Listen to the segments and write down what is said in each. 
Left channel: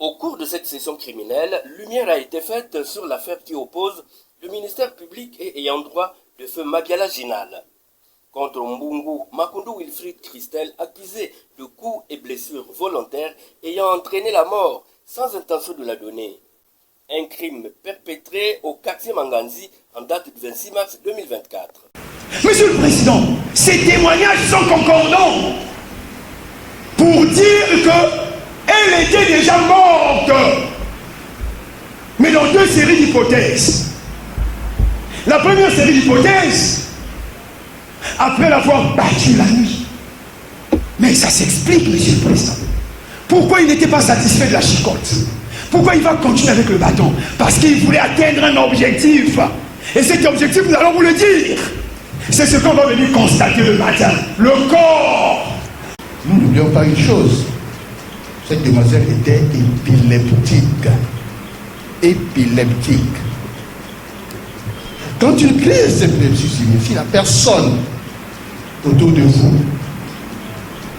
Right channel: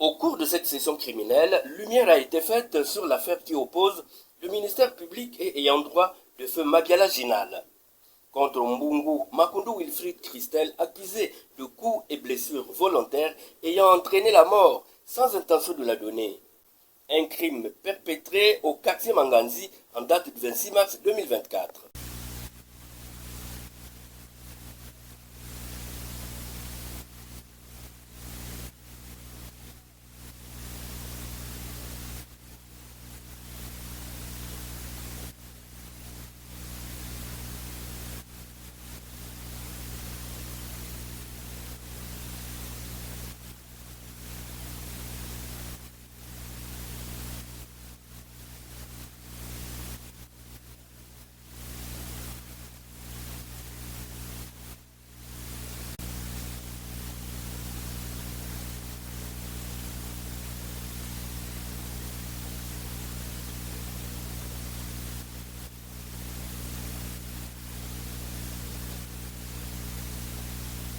Au cours de cette session criminelle, lumière a été faite sur l'affaire qui oppose le ministère public et ayant droit de feu Mabiala Ginal contre Mbungu Makundu Wilfried Christel, accusé de coups et blessures volontaires ayant entraîné la mort sans intention de la donner. Un crime perpétré au quartier Manganzi en date du 26 mars 2024. Monsieur le Président, ces témoignages sont concordants pour dire qu'elle était déjà morte. Mais dans deux séries d'hypothèses. La première série d'hypothèses, après l'avoir battue la nuit. Mais ça s'explique, Monsieur le Président. Pourquoi il n'était pas satisfait de la chicotte? Pourquoi il va continuer avec le bâton? Parce qu'il voulait atteindre un objectif. Et cet objectif, nous allons vous le dire. C'est ce qu'on va venir constater le matin. Le corps. Nous n'oublions pas une chose. Cette demoiselle était épileptique. Épileptique. Quand une crise d'épilepsie signifie la personne autour de vous,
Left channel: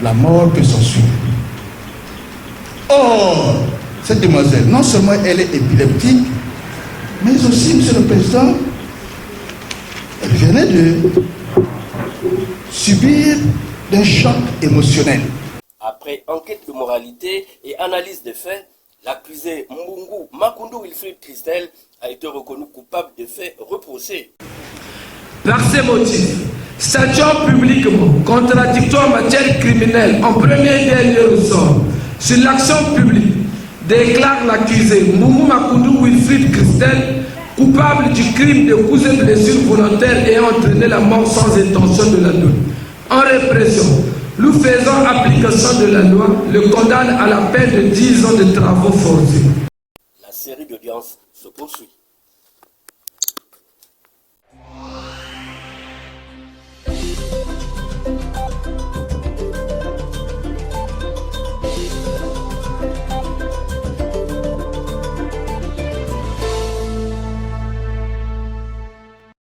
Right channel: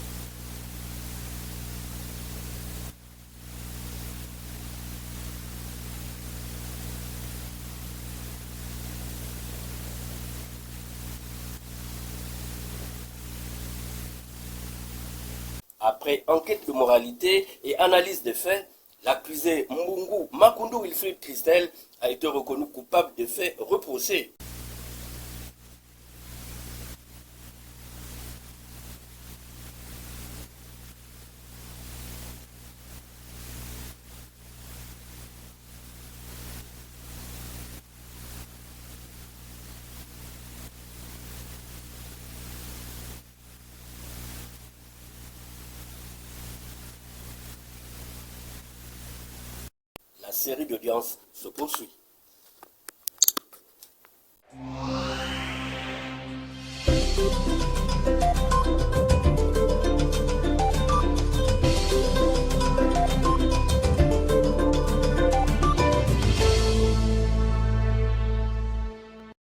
la mort peut s'en suivre. Or, cette demoiselle, non seulement elle est épileptique, mais aussi, Monsieur le Président, elle venait de subir un choc émotionnel. Après enquête de moralité et analyse des faits, l'accusé Mbungu Makundu Wilfried Christel a été reconnu coupable des faits reprochés. Par ces motifs, statuant publiquement contradictoire en matière criminelle en premier et dernier ressort sur l'action publique, déclare l'accusé Mbungu Makundu Wilfried Christel coupable du crime de coups et blessures volontaires ayant entraîné la mort sans intention de la donner. En répression, nous faisons application de la loi, le condamne à la peine de 10 ans de travaux forcés. La série d'audience se poursuit.